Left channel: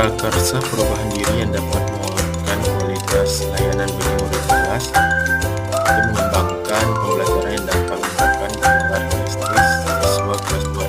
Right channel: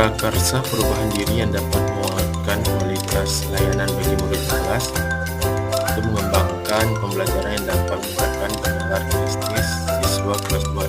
Prakarsa perubahan diri yang dapat menguatkan kualitas layanan bagi murid kelas, itu mengembangkan pembelajaran yang dapat meningkatkan pendengar kritis siswa kelas 2